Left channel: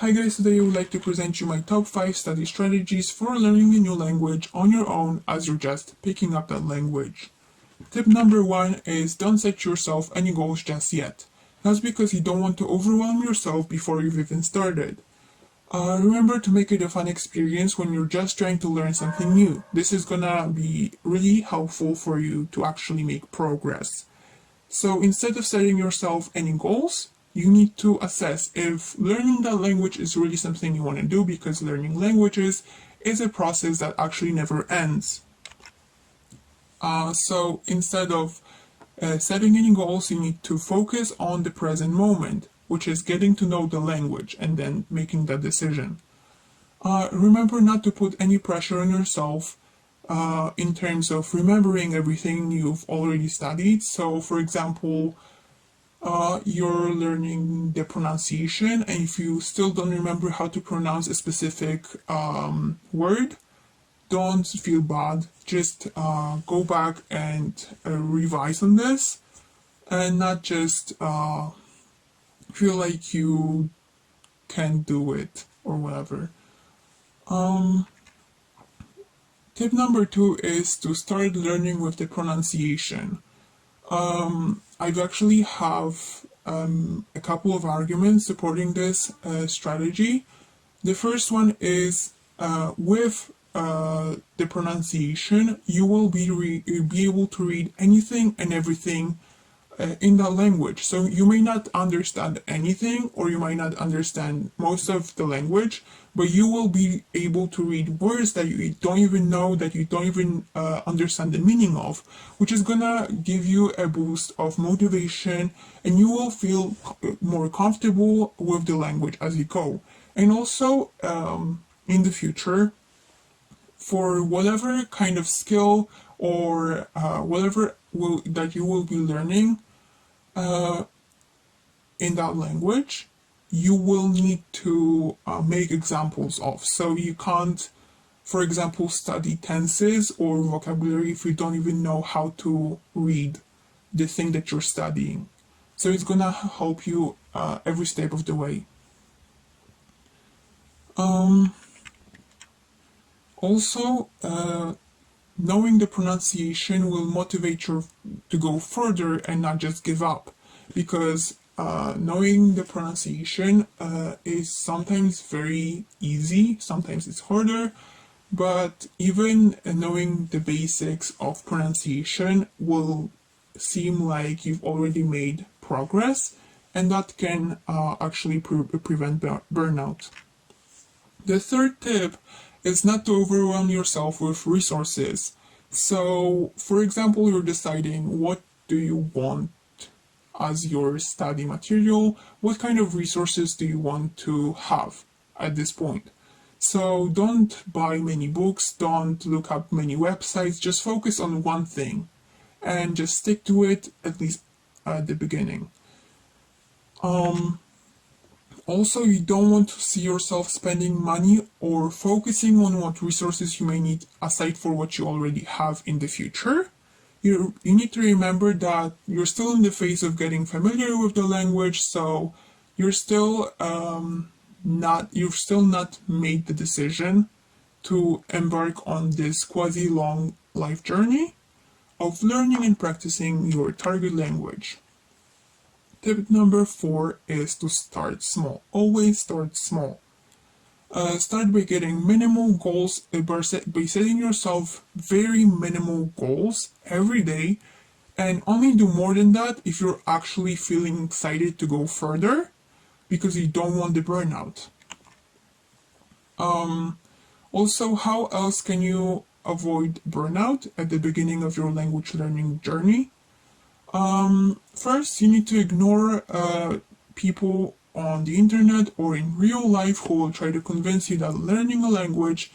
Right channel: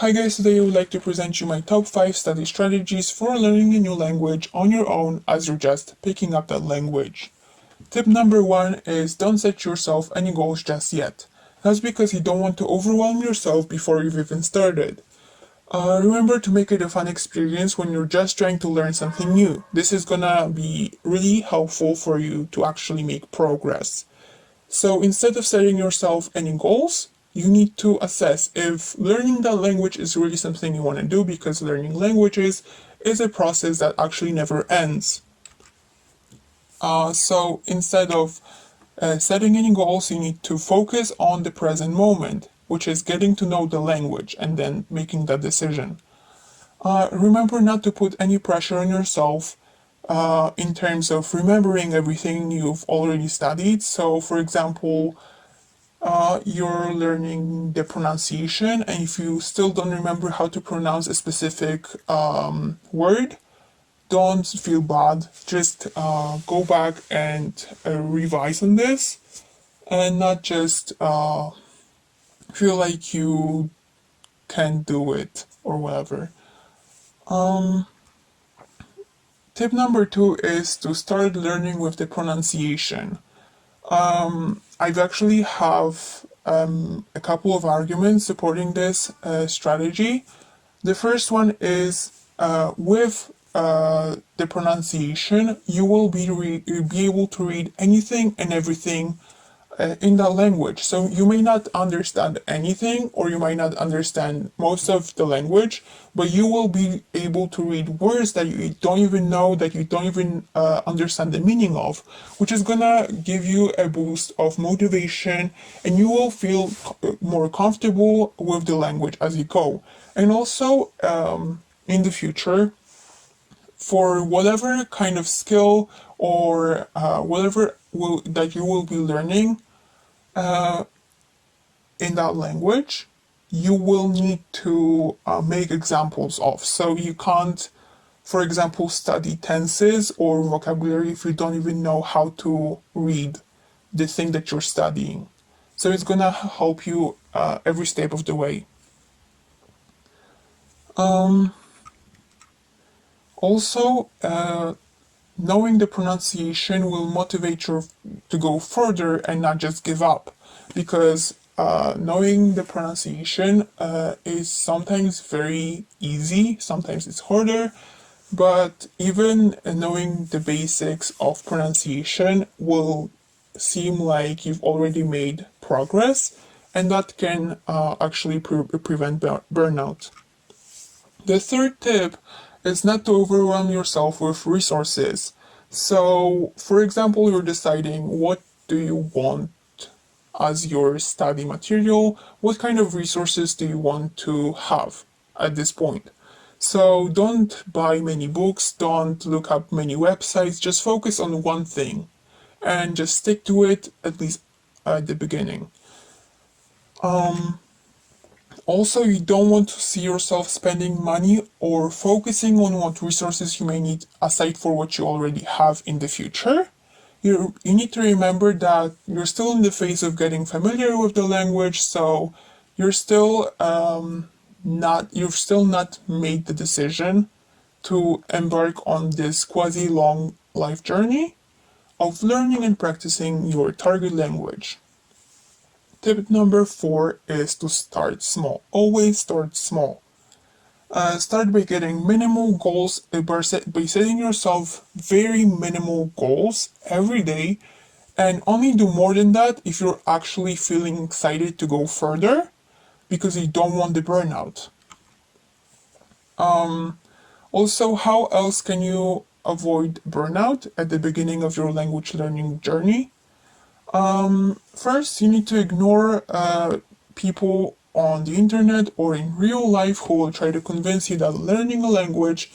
Hi guys, today I would like to present you my top 5 study strategies for learning a new language on your own as you're just picking up that language. Tip number 1 is don't set yourself any goals just yet. That's because you don't want to overwhelm yourself before you've even started. Remember to make it a fun experience when you're just trying to learn something new. This is gonna be really helpful for you to actually make progress. So instead of setting yourself any goals, you need to assess if learning that language is really something you want to do, because learning languages is a process that actually never ends. So instead of setting any goals, you need to focus on the present moment, which is getting to know the language and then making that decision. Remember not to put any pressure on yourself in terms of remembering everything you've already studied. So, for example, you're learning the pronunciation, and if you still don't remember how to pronounce a specific word, don't feel bad. Just go back and revise on this, and not just feel like you can't do it or whatever. Tip number 2 is to start learning with the pronunciation. I've actually have a couple of arguments supporting this strategy. The first one is with the pronunciation, you will be able to read anything and everything in that language. So you may not understand anything, or you might not understand most of the language, but you will be able to read words that you don't even know, that you don't even understand the meaning of, which is gonna give you a boost of motivation, and you will feel more comfortable with the language as you go. And also, in the future, for whatever kind of skill or that you will be learning, in that language, you will need to make examples of. So you can't, for example, study tenses or vocabulary if you don't even know how to read the thing that you're studying. So it's gonna help you every step of the way. Also, knowing the pronunciation will motivate you to go further and not just give up, because knowing the pronunciation is sometimes very easy, sometimes it's harder, but even knowing the basics of pronunciation will seem like you've already made progress, and that can actually prevent burnout. The third tip is not to overwhelm yourself with resources. So, for example, you're deciding what do you want as your study material, what kind of resources do you want to have at this point. So, don't buy many books, don't look up many websites, just focus on one thing and just stick to it, at least at the beginning. Also, you don't want to see yourself spending money or focusing on what resources you may need aside for what you already have in the future. You need to remember that you're still in the phase of getting familiar with the language, so you've still not made the decision to embark on this quasi long life journey of learning and practicing your target language. Tip number 4 is to start small. Always start small. Start by getting minimal goals, by setting yourself very minimal goals every day, and only do more than that if you're actually feeling excited to go further, because you don't want the burnout. Also, how else can you avoid burnout at the beginning of your language learning journey? First, you need to ignore people on the internet or in real life who will try to convince you that learning a language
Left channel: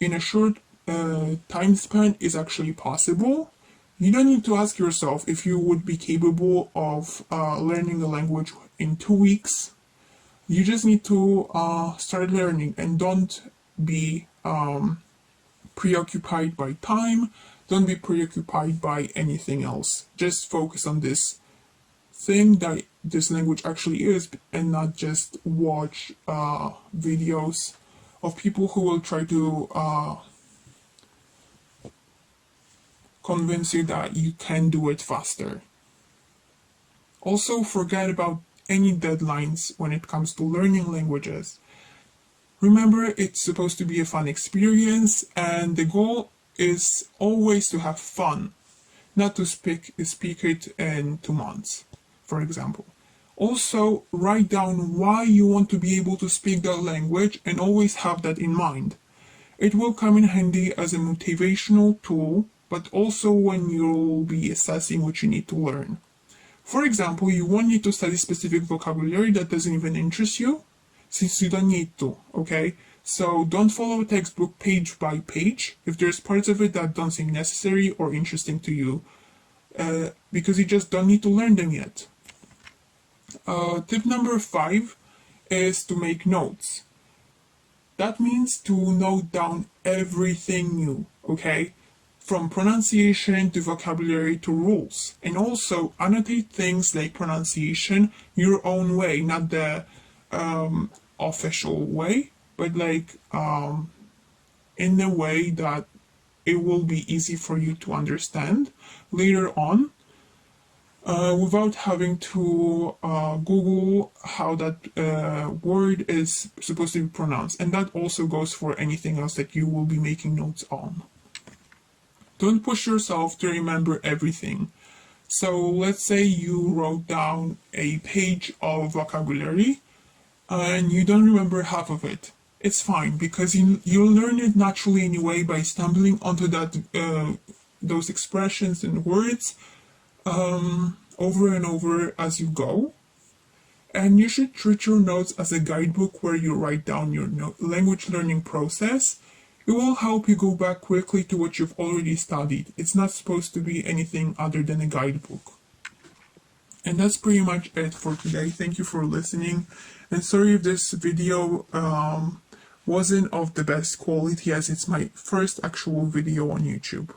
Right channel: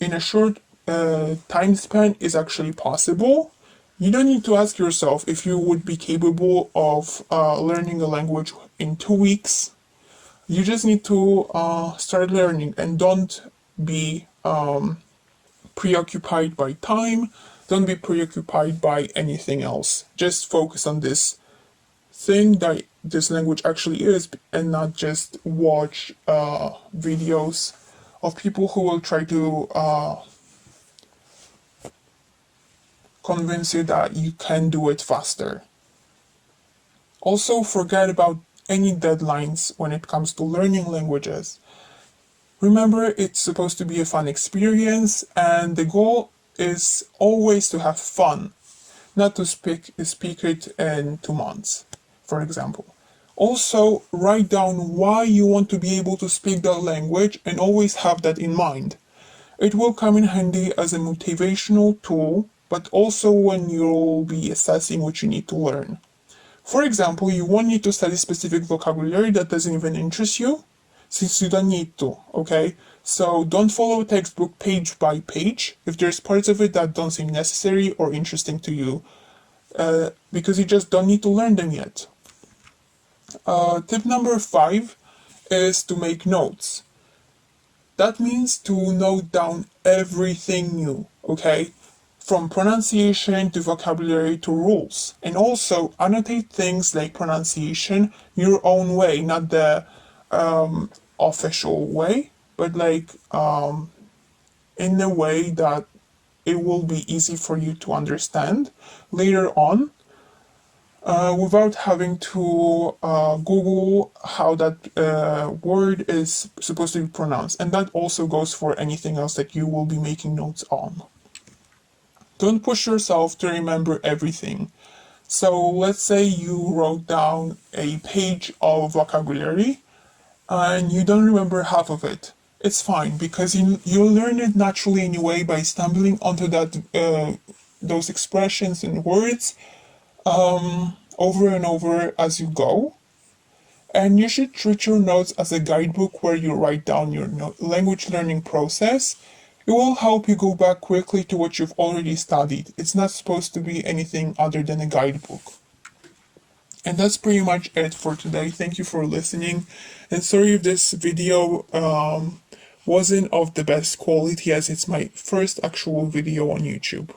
in a short time span is actually possible. You don't need to ask yourself if you would be capable of learning a language in 2 weeks. You just need to start learning, and don't be preoccupied by time. Don't be preoccupied by anything else. Just focus on this thing that this language actually is, and not just watch videos of people who will try to convince you that you can do it faster. Also, forget about any deadlines when it comes to learning languages. Remember, it's supposed to be a fun experience, and the goal is always to have fun, not to speak it in 2 months, for example. Also, write down why you want to be able to speak that language and always have that in mind. It will come in handy as a motivational tool, but also when you'll be assessing what you need to learn. For example, you won't need to study specific vocabulary that doesn't even interest you, since you don't need to, okay? So don't follow a textbook page by page if there's parts of it that don't seem necessary or interesting to you, because you just don't need to learn them yet. Tip number 5 is to make notes. That means to note down everything new, okay? From pronunciation to vocabulary to rules. And also annotate things like pronunciation your own way, not the official way, but like in a way that it will be easy for you to understand later on, without having to Google how that word is supposed to be pronounced. And that also goes for anything else that you will be making notes on. Don't push yourself to remember everything. So let's say you wrote down a page of vocabulary and you don't remember half of it. It's fine, because you'll learn it naturally anyway by stumbling onto those expressions and words over and over as you go. And you should treat your notes as a guidebook where you write down your language learning process. It will help you go back quickly to what you've already studied. It's not supposed to be anything other than a guidebook. And that's pretty much it for today. Thank you for listening. And sorry if this video wasn't of the best quality, as it's my first actual video on YouTube.